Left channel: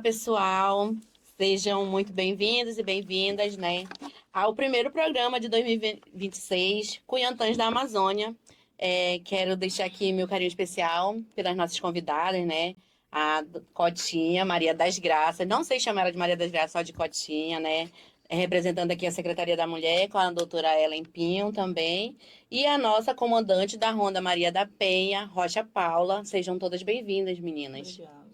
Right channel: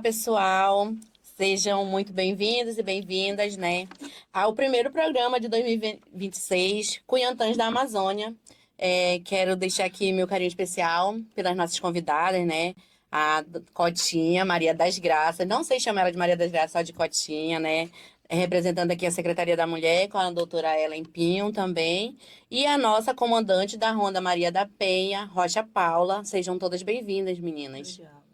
pessoal. Sejam muito bem-vindos e bem-vindas, né, ao primeiro programa de 2026, Cunhantãs da Amazônia. Quero deixar aqui meu carinho especial pelas nossas convidadas, né, a Cotinha, Maria das Graças. Não sei chamar ela de Maria das Graças, só de Cotinha, né, representando aqui a Secretaria da Mulher, com a doutora Ellen Pinho também, e a nossa comandante da Ronda Maria da Penha, Rocha Paula. Sejam todas bem-vindas, meninas. Obrigada.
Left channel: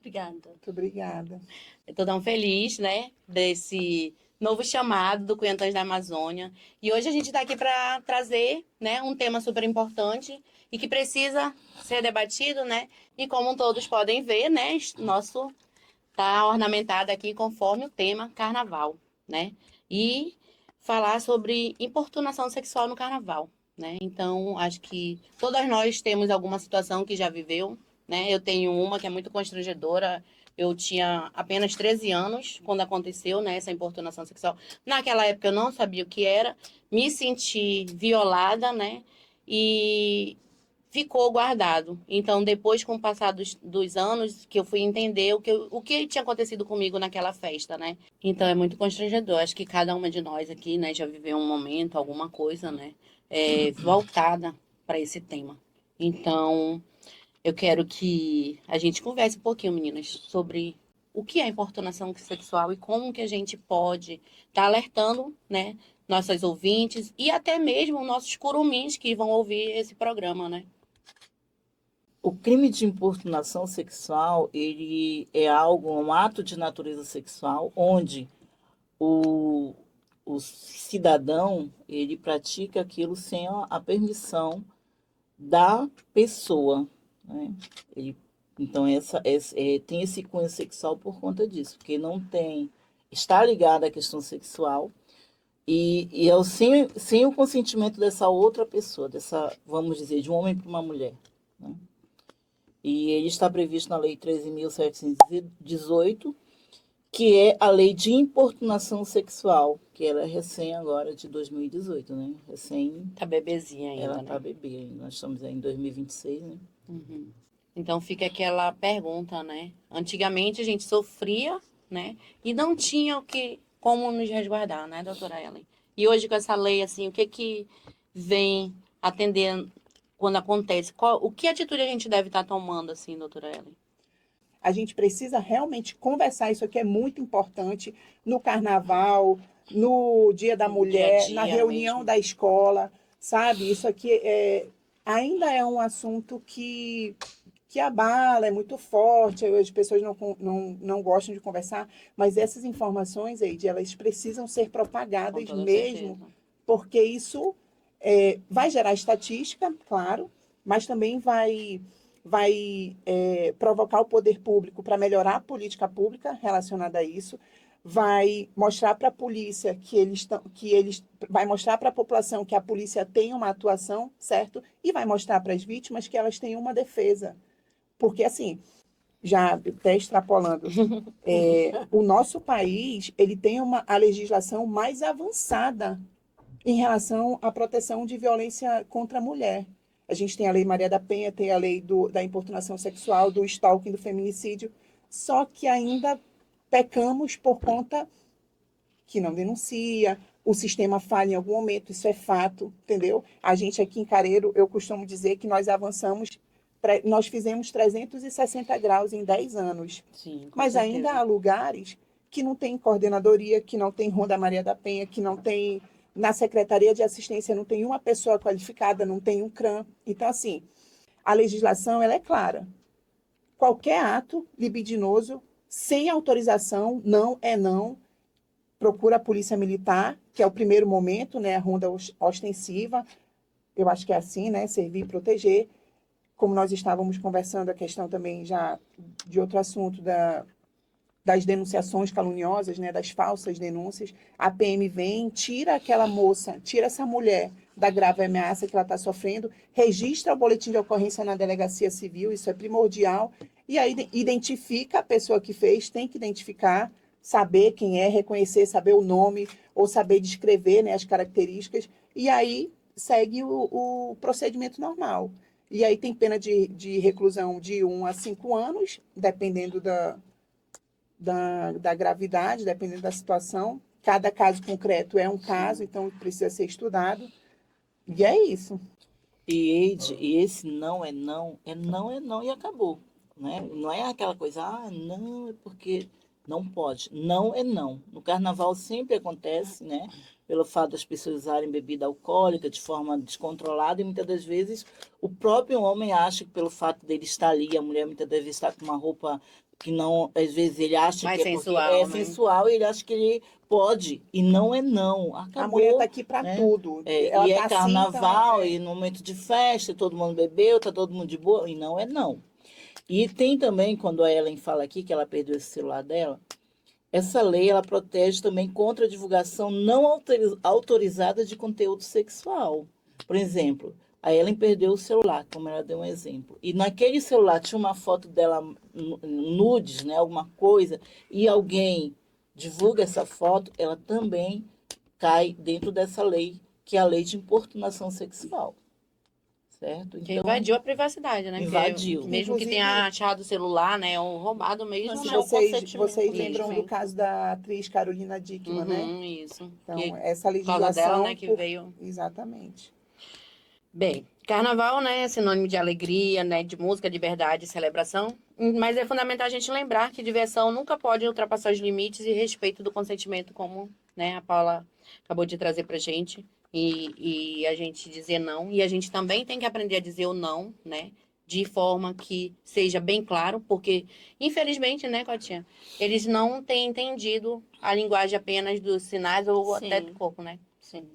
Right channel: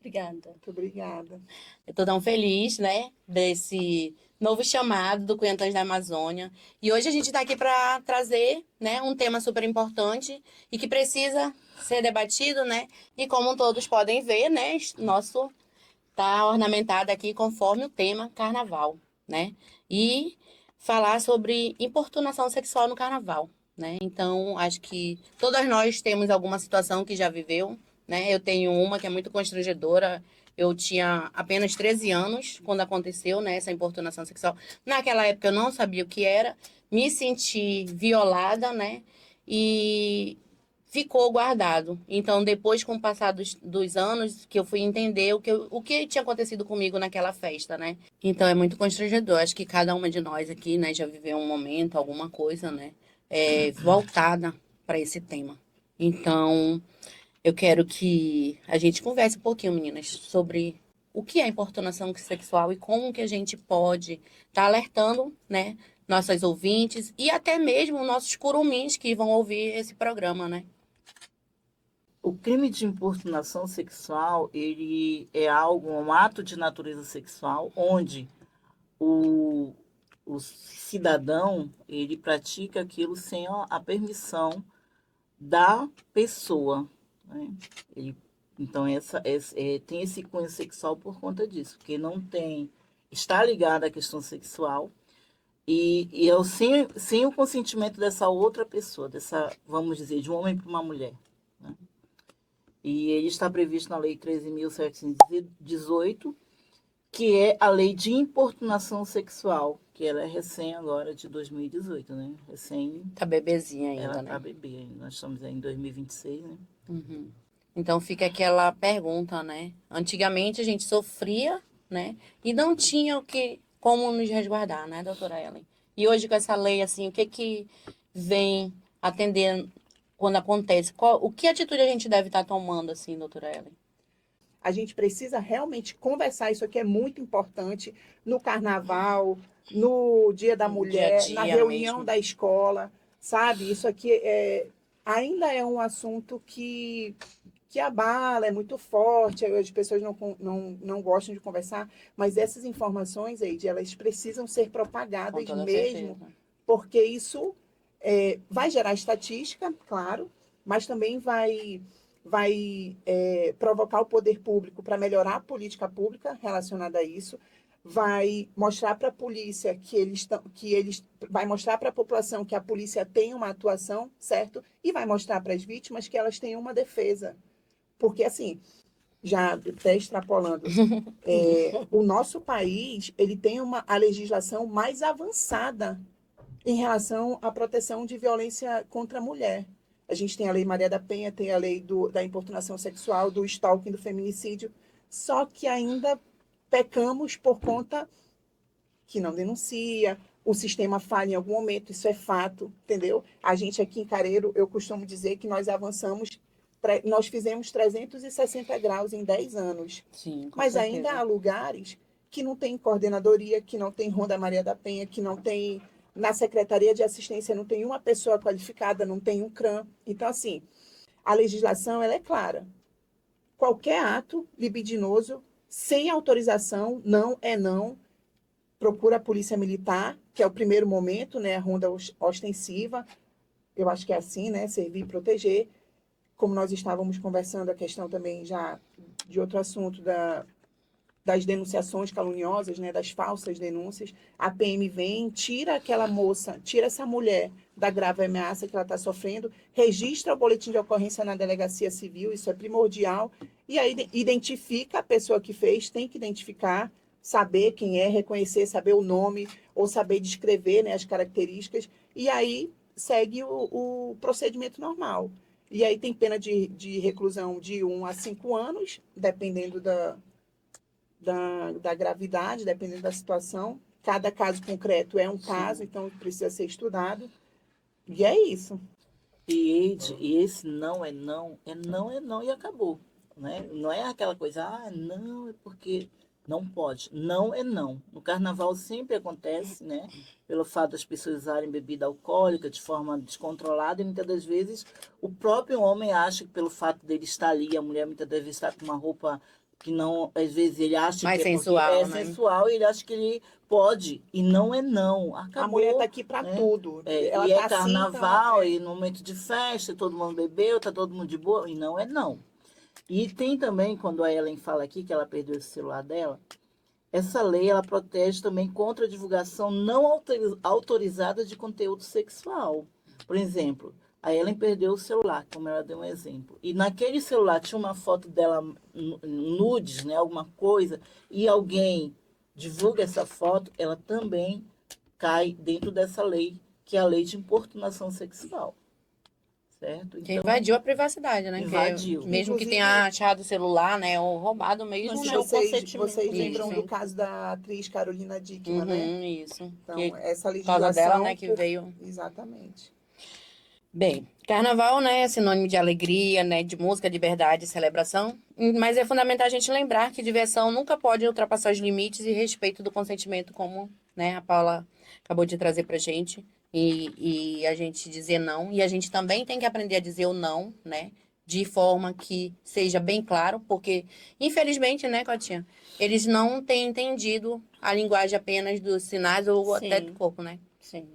Obrigada. Muito obrigada. Eu estou tão feliz, né, desse novo chamado do Cunhantãs da Amazônia. E hoje a gente está aqui para trazer, né, um tema super importante e que precisa ser debatido, né? E como todos podem ver, né, nosso tá ornamentado aqui conforme o tema Carnaval, né? E falar sobre importunação sexual no Carnaval, né? Então, acho que todas nós temos alguma situação que já viveu, né? Eu tenho uma que é muito constrangedora. Eu tinha apenas 13 anos quando aconteceu, né, essa importunação sexual. Naquela época eu não sabia o que era, me senti violada, né? E ficou guardado. Então, depois, com o passar dos anos, que eu fui entender o que tinha acontecido comigo naquela festa, né? Então, é muito constrangedor. Acho que cada uma de nós aqui, né, já viveu um momento, alguma coisa, né, voltada para esse tema. Então, eu quero que a gente converse um pouquinho, meninas, sobre o que é importunação sexual e como que a gente pode estar alertando, né, nossas ouvintes e até mesmo nossos curumins que vão ouvir esse programa, né? O crime de importunação sexual, ele é algo, um ato de natureza sexual, onde o, o cidadão, ele pratica aquilo sem a permissão da pessoa, né? Ele, então, tem esse cunho sexual por conta disso, porque não tem, está ligado à questão sexual, e é sem o consentimento dessa outra pessoa, vamos dizer, de um homem para uma mulher, né? E ele está previsto na Lei 13.718, que é a Lei de Importunação Sexual, que ela é recém agora, de 2018, né? Recém. Tá bebezinha ainda, Ela né? tá bebê ainda. Nós estamos aí em 2026, né? Uhum. Então fica aquela pergunta, né? Antigamente a gente sofria, né? E não tinha como nos resguardar, né, doutora Ellen? E hoje com essa lei, assim, o que vem atendendo quando acontece? O que atitude a gente deve estar tomando, assim, doutora Ellen? A gente precisa realmente conversar, isso aqui é muito importante no carnaval, no Dia da No dia a Mulher, na dia reunião mesmo. da escola, sabe? Isso aqui ainda é um assunto que abala, é muito forte, as pessoas não gostam de conversar, mas essas informações, Eide, elas precisam ser Com propagadas toda mesmo, certeza. porque isso vai gerar estatística, claro, mas também vai provocar o poder público para melhorar a política pública relacionada a isso, vai mostrar para a polícia vai mostrar para a população que a polícia tem uma atuação, certo? E vai mostrar para as vítimas que elas têm uma defesa. Porque, assim, já até extrapolando, o nosso país ele tem a legislação mais avançada em relação à proteção de violência contra a mulher. A gente tem a Lei Maria da Penha, tem a lei da importunação sexual, do stalking, do feminicídio, só que ainda pecamos por conta que não denuncia, o sistema falha em algum momento, isso é fato, entendeu? A gente aqui em Careiro, eu costumo dizer que nós avançamos, nós fizemos 360 graus em 10 anos. Sim, com Mas ainda há certeza. lugares que não tem coordenadoria, que não tem Ronda Maria da Penha, que não tem na Secretaria de Assistência, não tem uma pessoa qualificada, não tem um CRAM. Então, assim, a legislação ela é clara. Qualquer ato libidinoso sem autorização, não é não, procura a polícia militar, que é o primeiro momento, né, a ronda ostensiva, eu acho que é assim, né, servir e proteger. Como nós estávamos conversando, a questão também já de outro assunto das denunciações caluniosas, né, das falsas denúncias, a PM vem, tira aquela moça, tira essa mulher da grave ameaça que ela está sofrendo, registra o boletim de ocorrência na delegacia civil, isso é primordial, e aí identifica a pessoa que fez, tem que identificar, saber quem é, reconhecer, saber o nome, ou saber descrever, né, as características, e aí segue o procedimento normal. E aí tem pena de reclusão de 1 a 5 anos, dependendo da gravidade, dependendo da situação. Cada caso concreto é um caso, então precisa ser estudado. E é isso. E esse não é não, é não e acabou. Né? Não é aquela coisa, não, é porque não pode. Não é não. No carnaval sempre acontece, né? Pelo fato das pessoas usarem bebida alcoólica de forma descontrolada, e muitas das vezes o próprio homem acha que pelo fato dele estar ali, a mulher muitas das vezes está com uma roupa que não, às vezes ele acha Mais que é porque sensual, é né? sensual, e ele acha que ele pode, e não é não. Acabou. A mulher está aqui para né? tudo. E é tá carnaval, assim, então, e no momento de festa, todo mundo bebeu, tá todo mundo de boa, e não é não. E tem também, quando a Ellen fala aqui que ela perdeu esse celular dela, essa lei ela protege também contra a divulgação não autorizada de conteúdo sexual. Por exemplo, a Ellen perdeu o celular, como ela deu um exemplo. E naquele celular tinha uma foto dela nudes, né, alguma coisa, e alguém divulga essa foto, ela também cai dentro dessa lei, que é a lei de importunação sexual. Certo? Que Então, invadiu a privacidade, né? invadiu. Porque mesmo que Inclusive- tenha achado o celular, né? Ou roubado mesmo, Mas né? é o vocês consentimento. lembram Isso. do caso da atriz Carolina Dickmann, né? Uhum, isso. Então, Que, essa por causa legislação... dela, né, que veio. Exatamente. Bem, carnaval, né, é sinônimo de alegria, né, de música, liberdade, celebração. Mas é fundamental a gente lembrar que diversão nunca pode ultrapassar os limites e respeito do consentimento, como, né, a Paula acabou de trazer pra gente. E a gente dizer não. E a gente também tem que aprender a dizer o não, né, de forma que seja bem claro, porque, infelizmente, né, Cotinha, eles não têm entendido a linguagem apenas dos sinais ou até Sim. do corpo, né? Sim.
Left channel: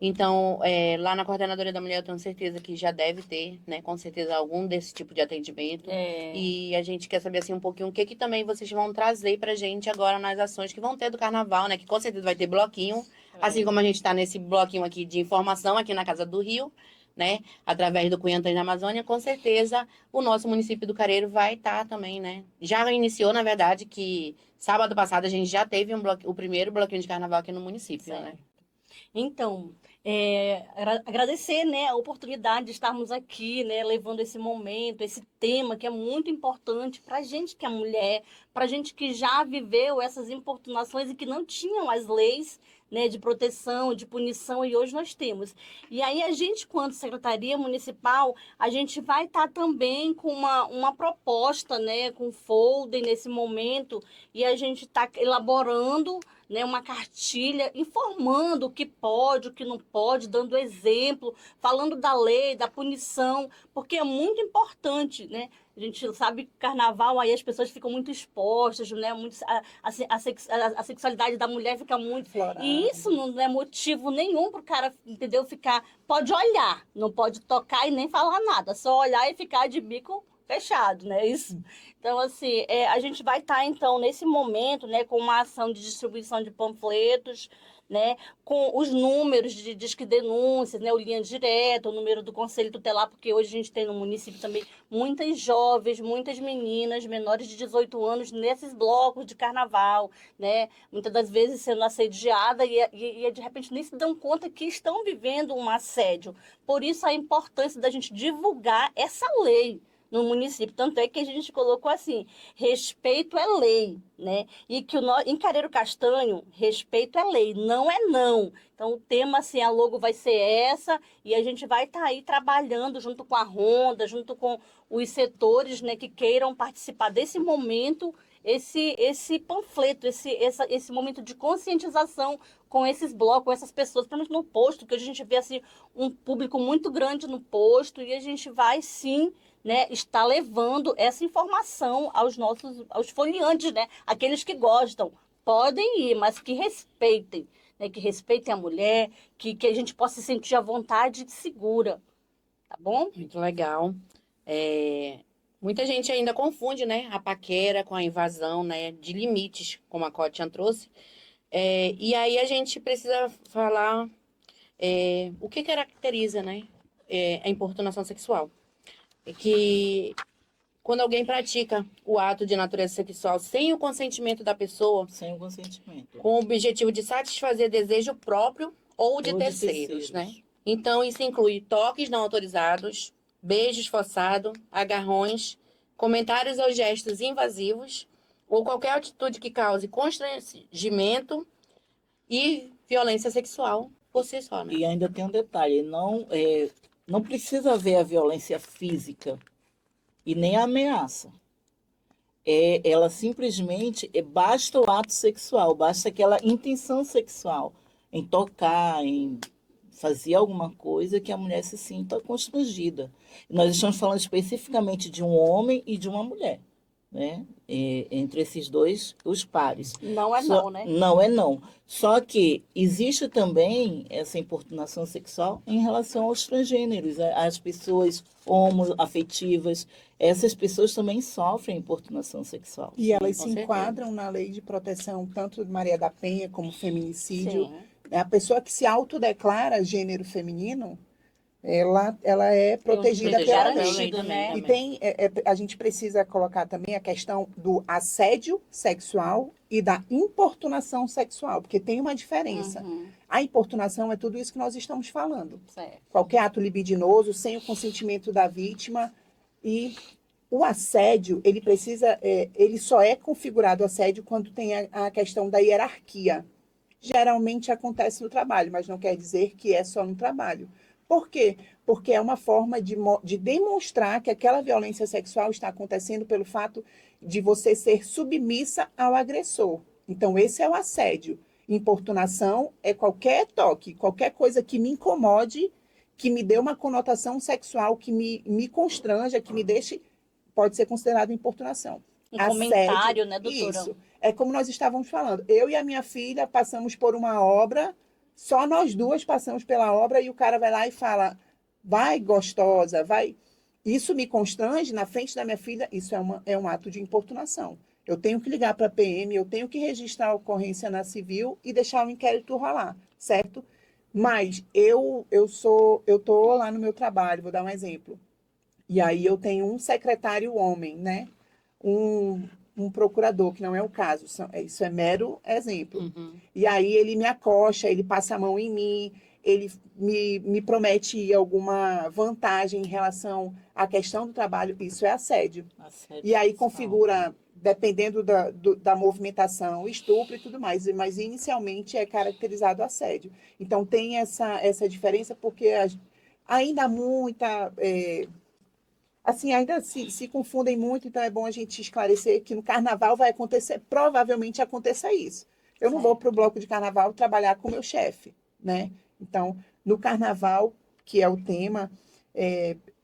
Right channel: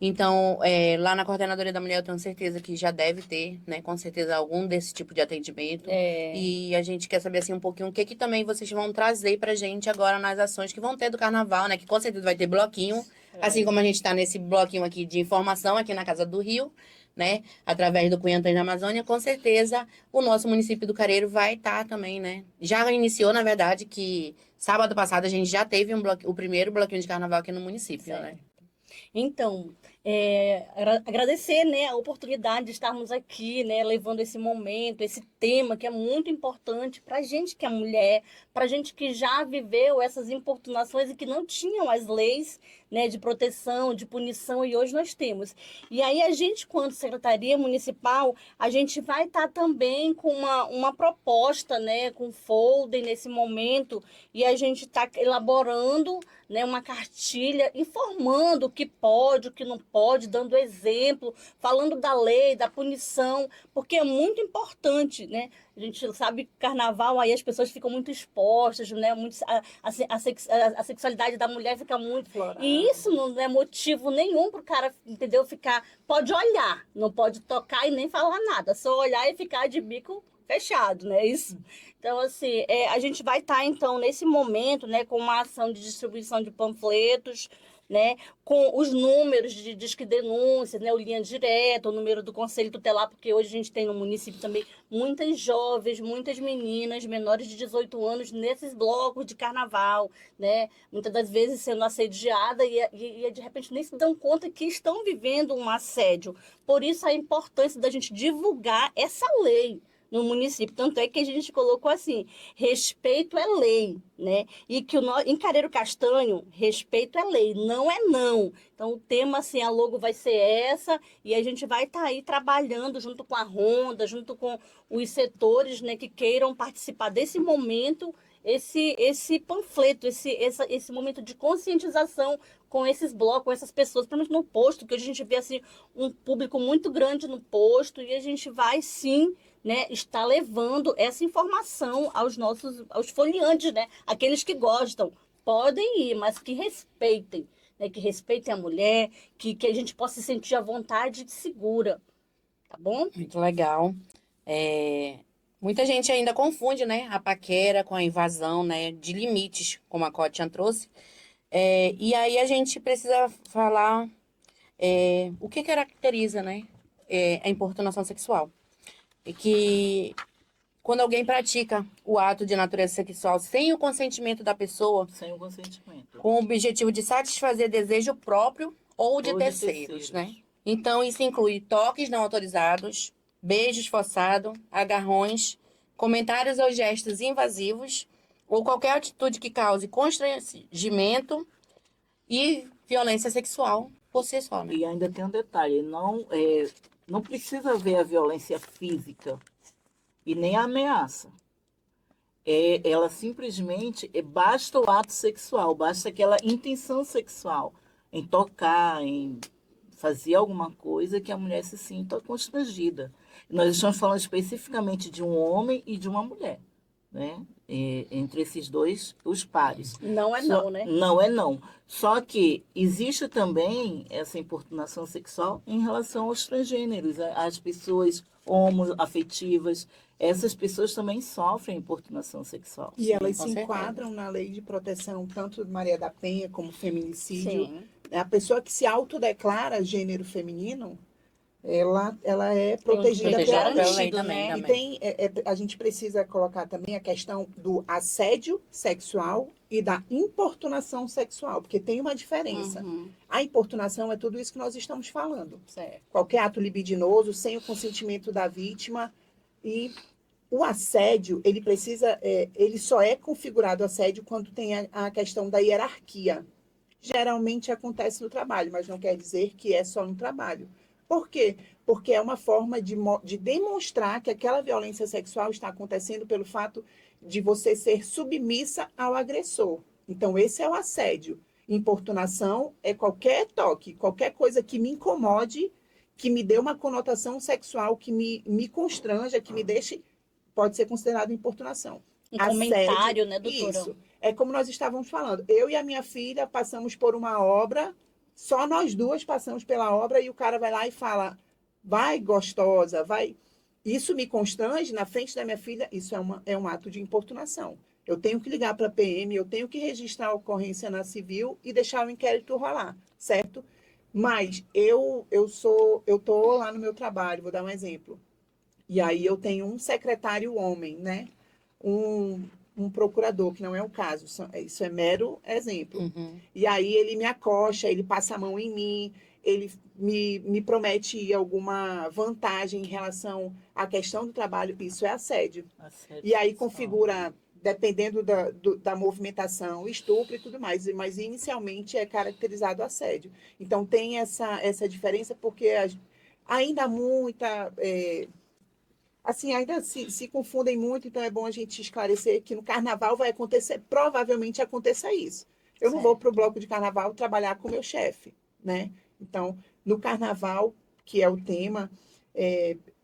Então, lá na Coordenadoria da Mulher, eu tenho certeza que já deve ter, né, com certeza, algum desse tipo de atendimento. É, E a gente quer saber, assim, um pouquinho o que que também vocês vão trazer pra gente agora nas ações que vão ter do Carnaval, né? Que com certeza vai ter bloquinho, assim como a gente tá nesse bloquinho aqui de informação aqui na Casa do Rio, né? Através do Cunhantãs da Amazônia, com certeza o nosso município do Careiro vai estar também, né? Já iniciou, na verdade, que sábado passado a gente já teve o primeiro bloquinho de Carnaval aqui no município, Certo. né? Então, agradecer, né, a oportunidade de estarmos aqui, né, levando esse momento, esse tema que é muito importante para a gente que é mulher, para a gente que já viveu essas importunações e que não tinham as leis, né, de proteção, de punição, e hoje nós temos. E aí a gente, quanto Secretaria Municipal, a gente vai estar também com uma proposta, né, com folder nesse momento, e a gente está elaborando, né, uma cartilha informando o que pode, o que não pode, dando exemplo, falando da lei, da punição, porque é muito importante, né? A gente sabe que carnaval aí as pessoas ficam muito expostas, né? Muito, a sexualidade da mulher fica muito. Florada. E isso não é motivo nenhum para o cara, entendeu? Ficar. Pode olhar, não pode tocar e nem falar nada, só olhar e ficar de bico fechado, né? Isso. Então, assim, a gente vai estar, então, nesse momento, né, com uma ação de distribuição de panfletos, né, com os números de disque denúncias, né, o linha direta, o número do Conselho Tutelar, porque hoje a gente tem no município também muitas jovens, muitas meninas menores de 18 anos nesses blocos de carnaval, né, muitas das vezes sendo assediada e de repente nem se dão conta que estão vivendo um assédio. Por isso a importância da gente divulgar essa lei no município. Tanto é que a gente colocou assim, respeito é lei, né? E que em Careiro Castanho, respeito é lei, não é não. Então, o tema, assim, a logo vai ser essa, e a gente vai estar aí trabalhando junto com a Ronda, junto com os setores, né, que queiram participar desse momento, esse panfleto, esse momento de conscientização com esses blocos, com essas pessoas, principalmente no posto, que a gente vê, assim, um público muito grande no posto, e a gente vai, sim, né, está levando essa informação aos foliantes, né, aqueles que gostam. Podem ir, mas que respeitem, né, que respeitem a mulher, que a gente possa se sentir à vontade e segura, tá bom? Muito legal. Muita gente ainda confunde, né, a paquera com a invasão, né, de limites, como a Cotian trouxe. E aí a gente precisa falar o que caracteriza, né, a importunação sexual. É que quando alguém pratica o ato de natureza sexual sem o consentimento da pessoa, Sem o consentimento. com o objetivo de satisfazer desejo próprio ou de terceiros, né? Então, isso inclui toques não autorizados, beijos forçados, agarrões, comentários ou gestos invasivos, ou qualquer atitude que cause constrangimento e violência sexual por si só, né? E ainda tem um detalhe, não precisa haver a violência física e nem a ameaça. Ela simplesmente, basta o ato sexual, basta aquela intenção sexual em tocar, em fazer alguma coisa que a mulher se sinta constrangida. Nós estamos falando especificamente de um homem e de uma mulher, né? Entre esses dois, os pares. Não é não, né? Não é não. Só que existe também essa importunação sexual em relação aos transgêneros, às pessoas homoafetivas. Essas pessoas também sofrem importunação sexual. E elas com se certeza. enquadram na lei de proteção tanto de Maria da Penha como feminicídio. Sim. A pessoa que se autodeclara gênero feminino, ela é protegida protegida pela pela lei. lei também. E tem, a gente precisa colocar também a questão do assédio sexual e da importunação sexual, porque tem uma diferença. Uhum, A importunação é tudo isso que nós estamos falando. certo. Qualquer ato libidinoso, sem o consentimento da vítima. E o assédio, ele só é configurado assédio quando tem a questão da hierarquia. Geralmente acontece no trabalho, mas não quer dizer que é só no trabalho. Por quê? Porque é uma forma de demonstrar que aquela violência sexual está acontecendo pelo fato de você ser submissa ao agressor. Então, esse é o assédio. Importunação é qualquer toque, qualquer coisa que me incomode, que me dê uma conotação sexual, que me constranja, que me deixe, pode ser considerado importunação. Um Assédio, comentário, né, doutora? Isso. É como nós estávamos falando. Eu e a minha filha passamos por uma obra, só nós duas passamos pela obra e o cara vai lá e fala, vai gostosa, vai. Isso me constrange na frente da minha filha, isso é um ato de importunação. Eu tenho que ligar para a PM, eu tenho que registrar a ocorrência na civil e deixar o inquérito rolar, certo? Mas eu tô lá no meu trabalho, vou dar um exemplo. E aí eu tenho um secretário homem, né? Um procurador, que não é o caso, isso é mero exemplo. Uhum. E aí ele me acocha, ele passa a mão em mim, ele me promete alguma vantagem em relação à questão do trabalho, isso é assédio. E aí configura, dependendo da movimentação, estupro e tudo mais, mas inicialmente é caracterizado assédio. Então tem essa diferença porque ainda há muita... assim, ainda se confundem muito, então é bom a gente esclarecer que no carnaval vai acontecer, provavelmente aconteça isso. Eu não vou para o bloco de carnaval trabalhar com meu chefe, né? Então, no carnaval, que é o tema,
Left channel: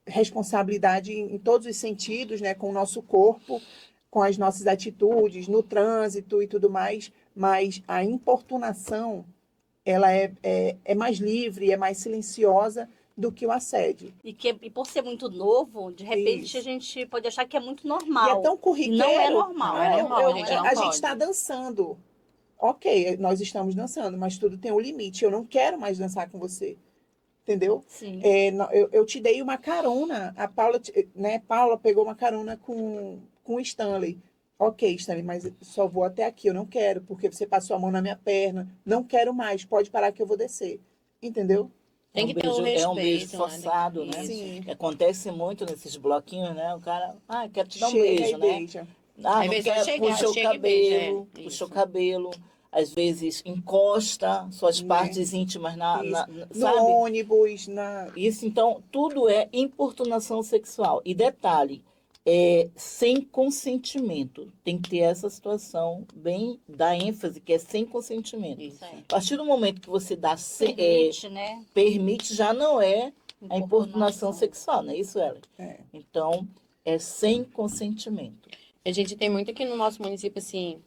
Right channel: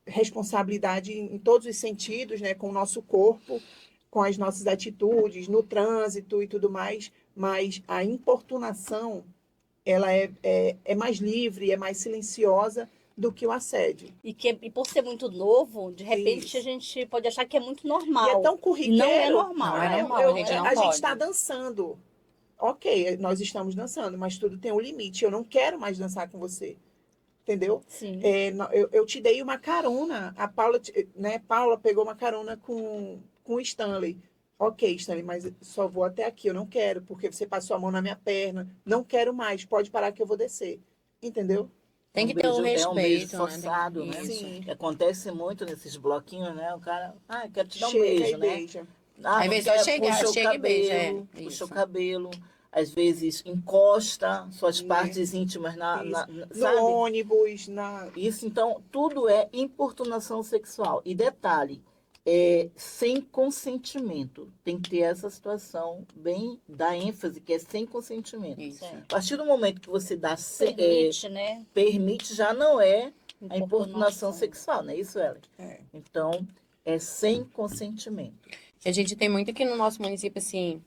responsabilidade em todos os sentidos, né? Com o nosso corpo, com as nossas atitudes, no trânsito e tudo mais, mas a importunação, ela é mais livre, é mais silenciosa do que o assédio. E por ser muito novo, de repente Isso. a gente pode achar que é muito normal. E é tão corriqueiro. Não é normal. Não é normal, a gente não a gente pode. está dançando. Ok, nós estamos dançando, mas tudo tem um limite. Eu não quero mais dançar com você. Entendeu? Sim. Eu te dei uma carona. A Paula, né? Paula pegou uma carona com o Stanley. Ok, Stanley, mas só vou até aqui. Eu não quero, porque você passou a mão na minha perna. Não quero mais. Pode parar que eu vou descer. Entendeu? Tem que ter um respeito. É um beijo né? forçado, né? Isso. Sim. Acontece muito nesses bloquinhos, né? O cara, quero te dar um Chega beijo, e né? beija. Às Não vezes quer, chega puxa o e beija, cabelo, puxa isso. o cabelo. Às vezes encosta suas Né? partes íntimas No sabe? ônibus, Isso, então, tudo é importunação sexual. E detalhe, sem consentimento. Tem que ter essa situação bem da ênfase, que é sem consentimento. Isso. A partir do momento que você dá Permite, né? permite, já não é a importunação sexual, não é isso, Ellen? É. Então, é sem consentimento. A gente tem muito aqui no nosso município, assim,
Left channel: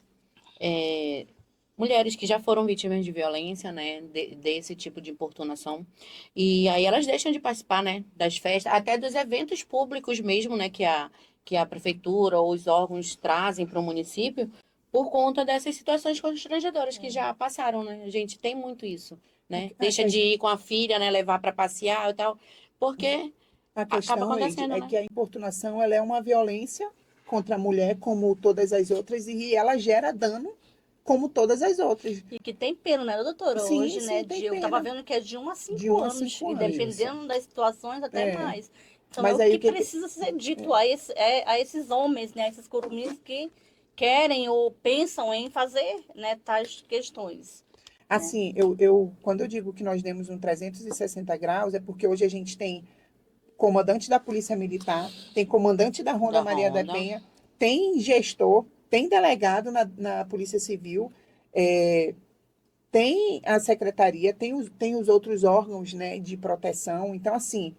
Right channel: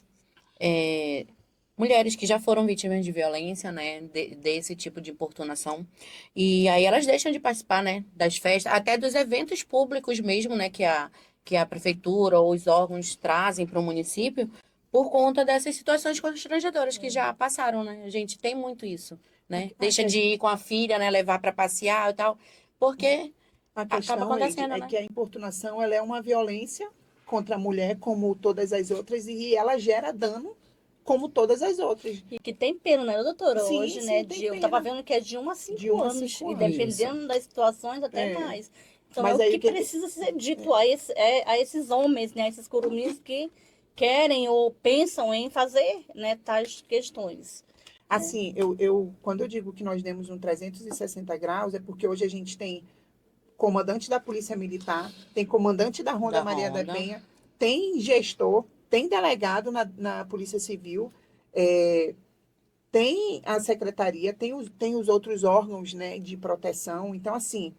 mulheres que já foram vítimas de violência, né, desse tipo de importunação. E aí elas deixam de participar, né, das festas, até dos eventos públicos mesmo, né, que a prefeitura ou os órgãos trazem para o município, por conta dessas situações constrangedoras que já passaram, né? A gente tem muito isso, né? Deixa de ir com a filha, né, levar para passear e tal, porque A questão, acaba acontecendo, Eide, é né? que a importunação ela é uma violência contra a mulher, como todas as outras, e ela gera dano como todas as outras. E que tem pena, né, doutora? Sim, Hoje, sim, né? tem Eu tava pena. vendo que é de 1 a 5 De 1 a anos. 5 E anos. dependendo das situações, até É. mais. Então, Mas é aí o o que que- precisa ser dito a esses homens, né? A esses curumins que querem ou pensam em fazer, né, tais questões. Assim, quando eu digo que nós demos um 360 graus, é porque hoje a gente tem comandante da Polícia Militar, tem comandante da Ronda Da Maria da Ronda. Penha, tem gestor, tem delegado na Polícia Civil, tem a secretaria, tem os outros órgãos, né, de proteção. Então, assim,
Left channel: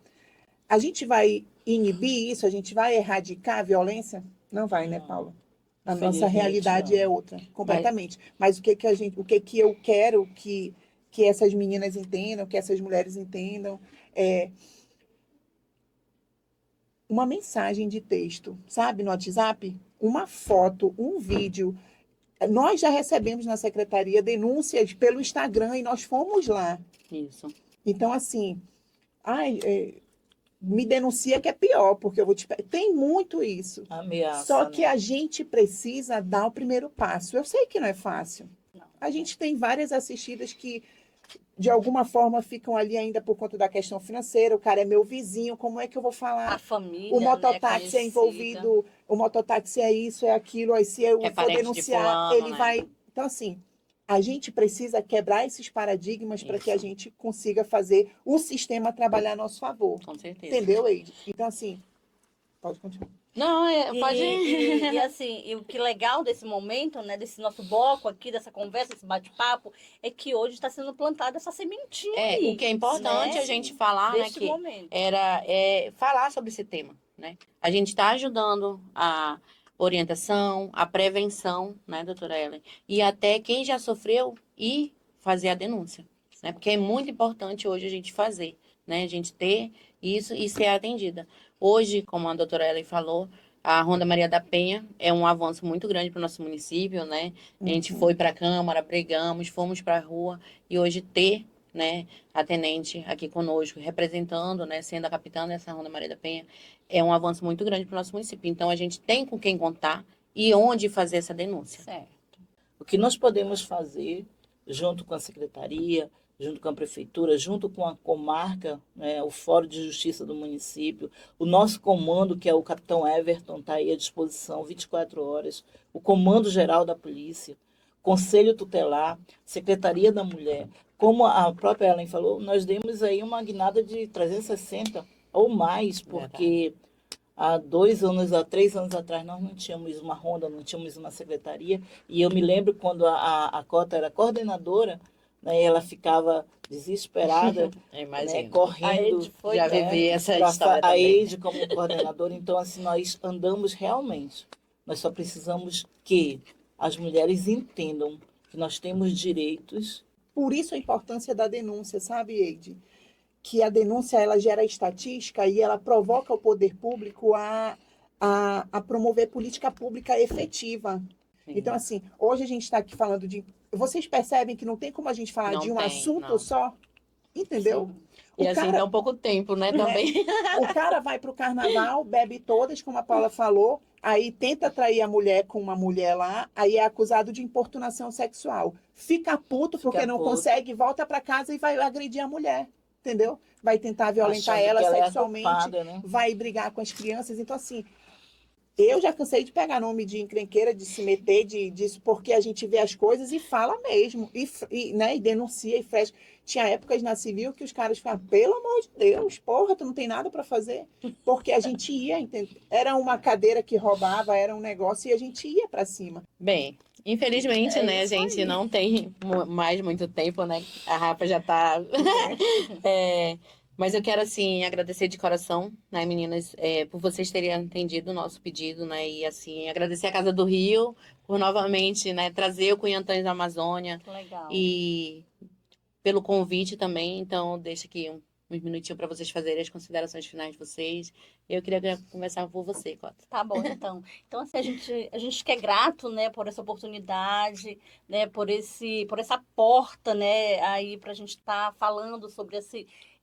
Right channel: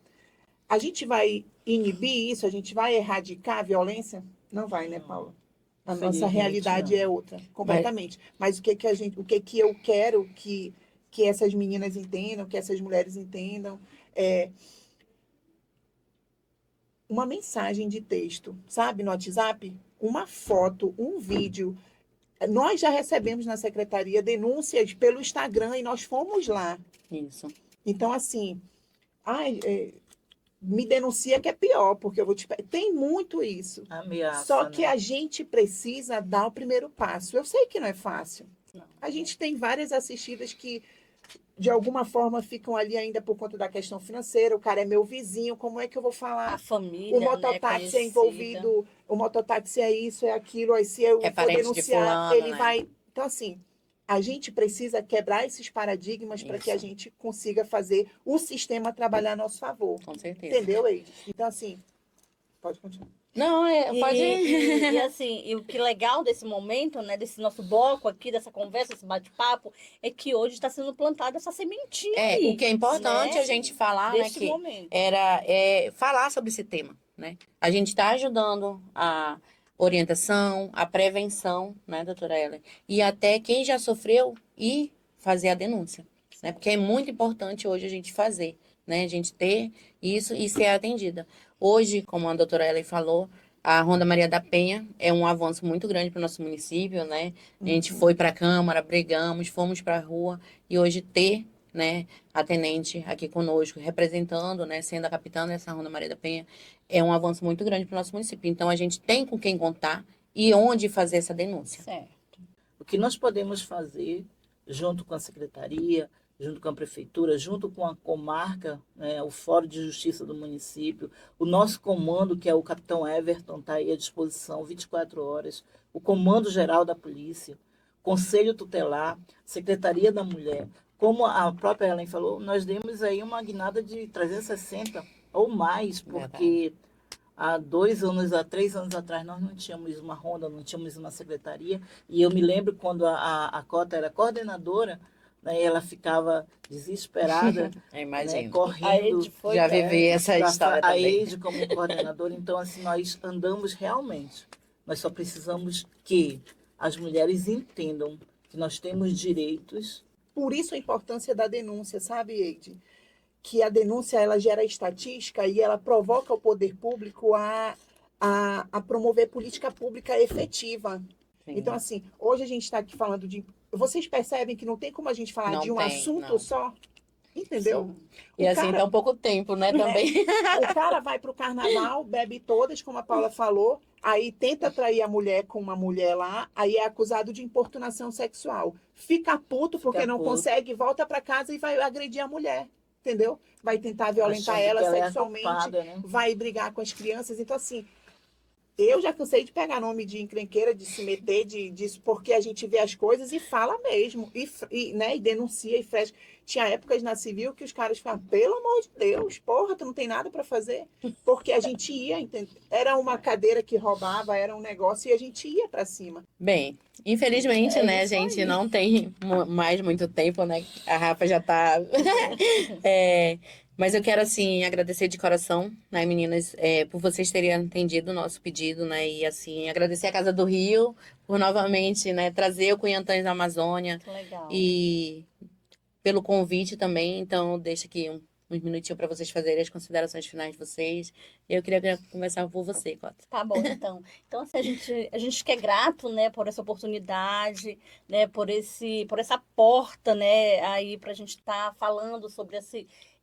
a gente vai inibir isso, a gente vai erradicar a violência? Não vai, né, Não. Paula? A nossa Infelizmente, realidade não. é outra, completamente. Mas o que que eu quero que essas meninas entendam, que essas mulheres entendam, é uma mensagem de texto, sabe, no WhatsApp, uma foto, um vídeo. Nós já recebemos na secretaria denúncias pelo Instagram e nós fomos lá. Isso. Então, assim, ai, me denuncia que é pior, porque eu vou te. Tem muito isso. Ameaça, Só que né? a gente precisa dar o primeiro passo. Eu sei que não é fácil. Não. A gente tem várias assistidas que, de alguma forma, ficam ali ainda por conta da questão financeira. O cara é meu vizinho, como é que eu vou A falar? família, O né, mototáxi é conhecida. envolvido, o mototáxi é isso, é aquilo, aí se eu É for parente de denunciar, fulano, ele né? vai. Então, assim, a gente precisa quebrar esses paradigmas para que a Isso. gente consiga fazer o sistema trabalhar a nosso favor. Com certeza. Entendeu, Eide? Então, assim, pode continuar. Não, pode ir. E assim, e o que legal desse momento, né, desse nosso bloco aqui, dessa conversa, esse bate-papo, é que hoje está sendo plantada essa sementinha aí, O que é importante né? a gente falar, né, Deste que momento. falar sobre esse tema, né? A gente está ajudando a orientação, a prevenção, né, doutora Ellen? E até quem já sofreu ir fazer a denúncia, né? Porque é muito importante hoje a gente fazer, né? A gente ter isso e ser atendida. Hoje, como a doutora Ellen falou, a Ronda Maria da Penha é um avanço muito grande para o nosso município, né? A gente foi para a Câmara, pregamos, fomos para a rua e hoje ter, né, a tenente aqui conosco, representando, né, sendo a capitã dessa Ronda Maria da Penha, é um avanço muito grande para o nosso município. Então, a gente tem com quem contar e onde fazer essa denúncia. Certo. O que nós podemos fazer, junto com a secretaria, junto com a prefeitura, junto com a comarca, né, o Fórum de Justiça do município, o nosso comando, que é o capitão Everton, está aí à disposição 24 horas, o comando geral da polícia, conselho tutelar, secretaria da mulher. Como a própria Ellen falou, nós demos aí uma guinada de 360 ou mais, porque há 2 anos, há 3 anos atrás, nós não tínhamos uma ronda, não tínhamos uma secretaria. E eu me lembro quando a Cota era coordenadora, né, ela ficava desesperada, né, Imagina. correndo, Aí foi Já né, vivi essa pra história a também. Eide como coordenadora. Então, assim, nós andamos realmente. Nós só precisamos que as mulheres entendam que nós temos direitos. Por isso a importância da denúncia, sabe, Eide? Que a denúncia ela gera estatística e ela provoca o poder público a promover política pública efetiva. Sim. Então, assim, hoje a gente está aqui falando de. Vocês percebem que não tem como a gente falar Não de um tem, assunto não. só? Entendeu? Sim. E O assim, cara, tão pouco tempo, né, também. o cara vai para o carnaval, bebe todas, como a Paula falou, aí tenta atrair a mulher com uma mulher lá, aí é acusado de importunação sexual. Fica puto porque Fica não puto. consegue, volta para casa e vai agredir a mulher, entendeu? Vai tentar violentar Achando ela que ela é a sexualmente, culpada, né? vai brigar com as crianças. Então, assim, eu já cansei de pegar nome de encrenqueira, de se meter, disso, porque a gente vê as coisas e fala mesmo, né, e denuncia e fecha. Tinha épocas na civil que os caras falavam, pelo amor de Deus, porra, tu não tem nada para fazer? Porque a gente ia, era uma cadeira que roubava, era um negócio e a gente ia para cima. Bem, infelizmente, É né, a isso gente aí. não tem mais muito tempo, né? A Rafa já tá. Mas eu quero, assim, agradecer de coração, né, meninas, por vocês terem atendido o nosso pedido, né? E, assim, agradecer a Casa do Rio por novamente, né, trazer o Cunhantães da Amazônia Que legal. e pelo convite também. Então, deixa aqui uns minutinhos para vocês fazerem as considerações finais de vocês. Eu queria conversar com você, Cota. Tá bom, então. Então, assim, a gente que é grato, né, por essa oportunidade, né, por essa porta, né, aí pra gente estar falando sobre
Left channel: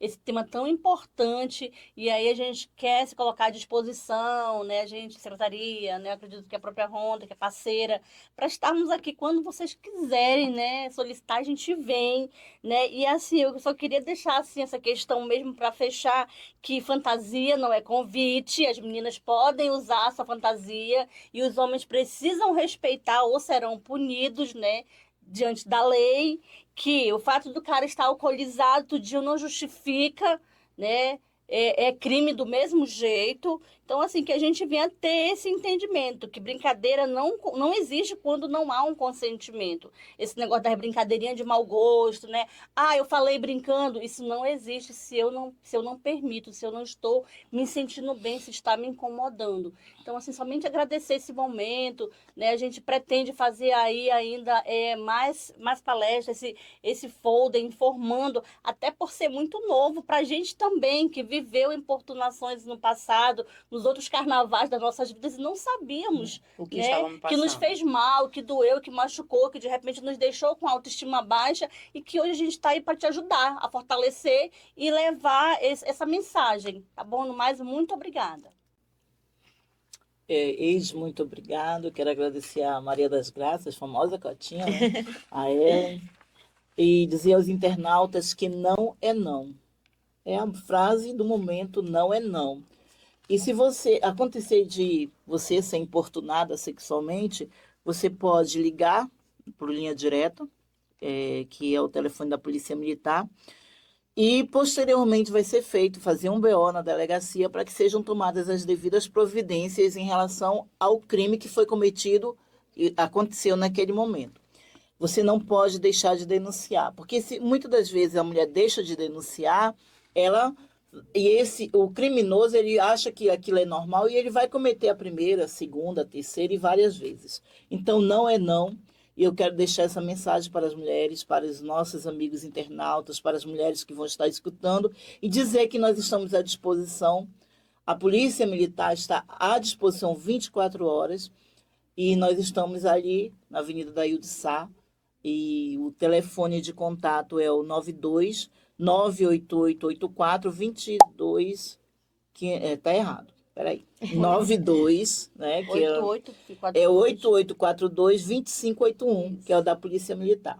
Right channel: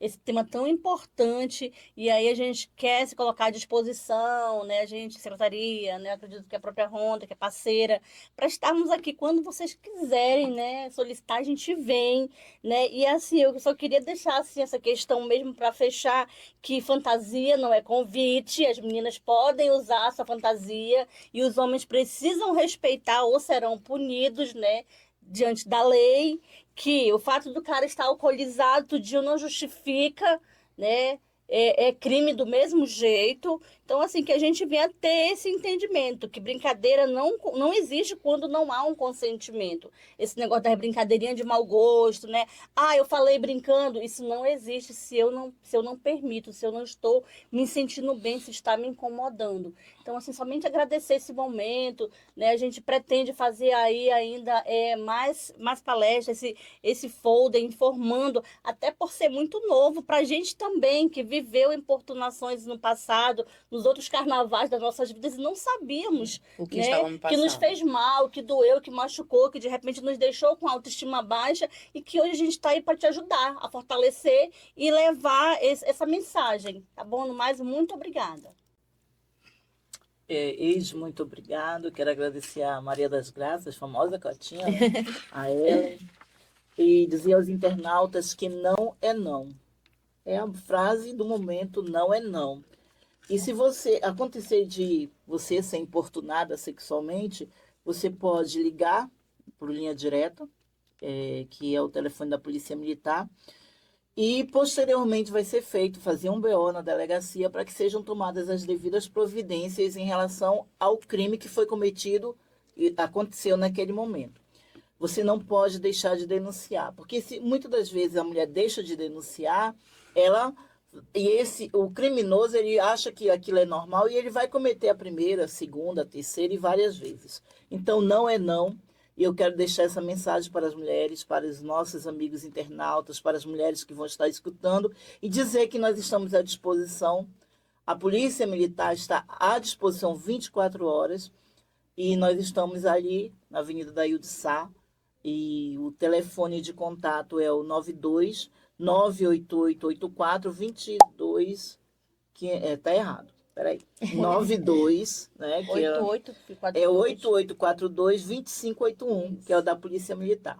esse tema tão importante, e aí a gente quer se colocar à disposição, né? A gente, secretaria, né? Acredito que a própria Ronda, que é parceira, para estarmos aqui quando vocês quiserem, né? Solicitar, a gente vem, né? E assim, eu só queria deixar assim essa questão mesmo para fechar, que fantasia não é convite, as meninas podem usar essa fantasia e os homens precisam respeitar ou serão punidos, né? Diante da lei, que o fato do cara estar alcoolizado todo dia não justifica, né? É crime do mesmo jeito. Então, assim, que a gente venha ter esse entendimento, que brincadeira não existe quando não há um consentimento. Esse negócio da brincadeirinha de mau gosto, né? Ah, eu falei brincando, isso não existe se eu não permito, se eu não estou me sentindo bem, se está me incomodando. Então, assim, somente agradecer esse momento, né? A gente pretende fazer aí ainda mais palestras, esse folder informando, até por ser muito novo para a gente também, que viveu importunações no passado, nos outros carnavais das nossas vidas, e não sabíamos, O que né? estávamos Que nos passando. fez mal, que doeu, que machucou, que de repente nos deixou com a autoestima baixa, e que hoje a gente está aí para te ajudar a fortalecer e levar essa mensagem, tá bom? No mais, muito obrigada. Eis, muito obrigado. Quero agradecer a Maria das Graças, famosa Cotinha, né? A Ellen. E dizer aos internautas que não é não. É a frase do momento, não é não. E se você acontecer de você ser importunada sexualmente, você pode ligar por linha direta, que é o telefone da Polícia Militar, e posteriormente vai ser fazer um BO na delegacia para que sejam tomadas as devidas providências em relação ao crime que foi cometido e aconteceu naquele momento. Você não pode deixar de denunciar, porque muitas das vezes a mulher deixa de denunciar, o criminoso, ele acha que aquilo é normal e ele vai cometer a primeira, a segunda, a terceira e várias vezes. Então, não é não. E eu quero deixar essa mensagem para as mulheres, para os nossos amigos internautas, para as mulheres que vão estar escutando, e dizer que nós estamos à disposição. A Polícia Militar está à disposição 24 horas, e nós estamos ali na Avenida Dailde Sá, e o telefone de contato é o 92 98884 22, que tá errado. Peraí. 92, né, que 8842-2581, que é o da Polícia Militar.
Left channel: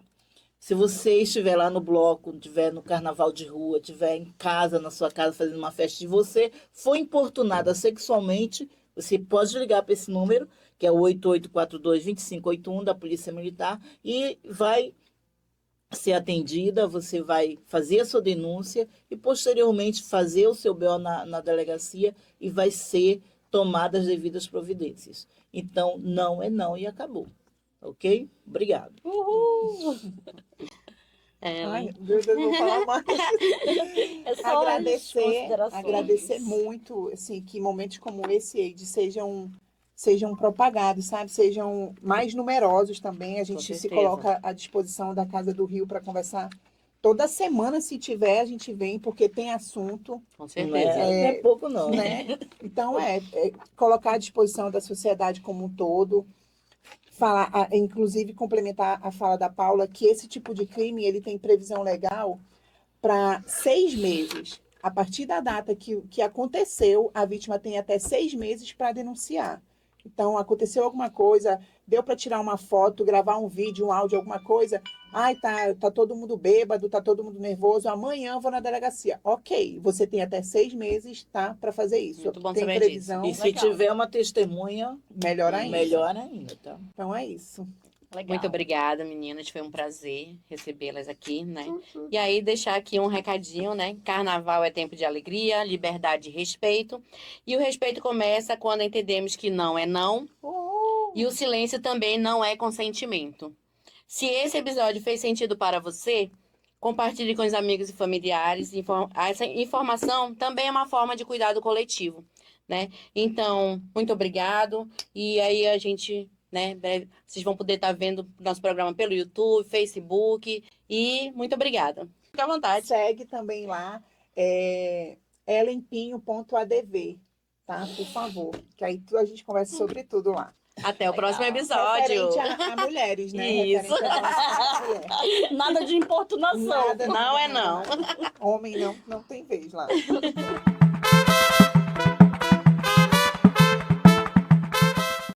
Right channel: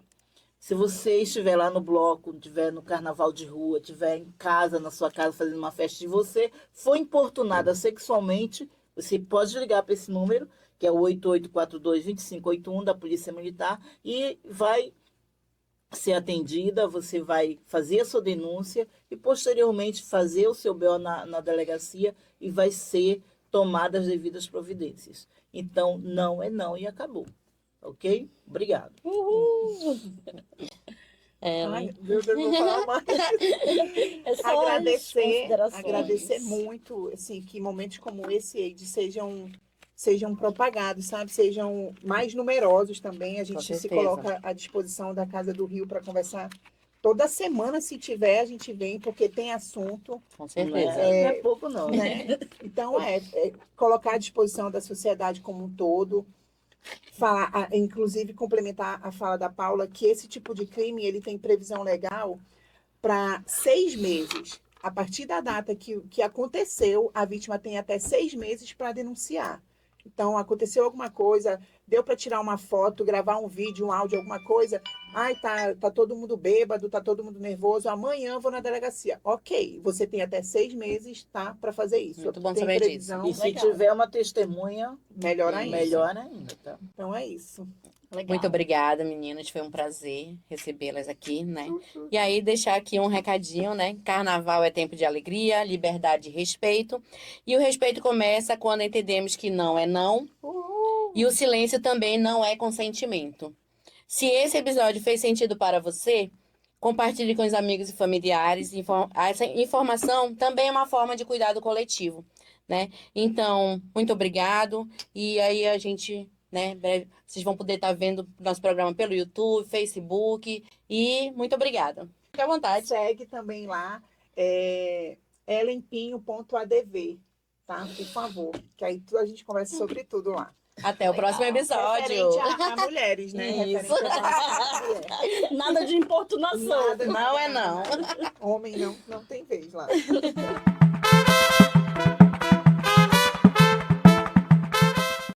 Se você estiver lá no bloco, estiver no carnaval de rua, estiver em casa, na sua casa, fazendo uma festa, e você foi importunada sexualmente, você pode ligar para esse número, que é o 8842-2581 da Polícia Militar, e vai ser atendida, você vai fazer a sua denúncia e, posteriormente, fazer o seu BO na delegacia e vai ser tomada as devidas providências. Então, não é não e acabou. Ok? Obrigado. Uhul! Ai, Deus, eu não vou falar mais. É só as considerações. Agradecer muito, assim, que momentos como esse, Eide, sejam propagados, sabe? Sejam mais numerosos também. A gente se certeza. coloca à disposição da Casa do Rio para conversar. Toda semana, se tiver, a gente vem, porque tem assunto, Com Não certeza. é pouco, não. né? Então, colocar à disposição da sociedade como um todo. Inclusive, complementar a fala da Paula, que esse tipo de crime, ele tem previsão legal para 6 meses. A partir da data que aconteceu, a vítima tem até 6 meses para denunciar. Então, aconteceu alguma coisa, deu para tirar uma foto, gravar um vídeo, um áudio, alguma coisa. Ai, tá todo mundo bêbado, tá todo mundo nervoso. Amanhã eu vou na delegacia. Ok, você tem até 6 meses, tá, para fazer isso. Muito bom tem saber previsão. E se Legal. tiver uma testemunha, Melhor ainda. melhor ainda, tá? Então é isso. Legal. Muito obrigada, meninas. Foi um prazer recebê-las aqui, né? E aí, deixar aqui um recadinho, né? Carnaval é tempo de alegria, liberdade e respeito. E o respeito começa quando entendemos que não é não. E o silêncio também não é consentimento. Se esse episódio fez sentido para você, compartilhe com os amigos e familiares. Essa informação também é uma forma de cuidado coletivo, né? Então, muito obrigado. E aí a gente, né, breve, vocês vão poder estar vendo nosso programa pelo YouTube, Facebook. E muito obrigada. Fique à vontade. Segue também lá, elenpinho.adv, tá? Por favor. Que aí a gente conversa sobre tudo lá. Até o próximo episódio. Referente a mulheres, né? Isso. Referente a mulher. Nada de importunação. Nada. Não é não. Homem não tem vez lá.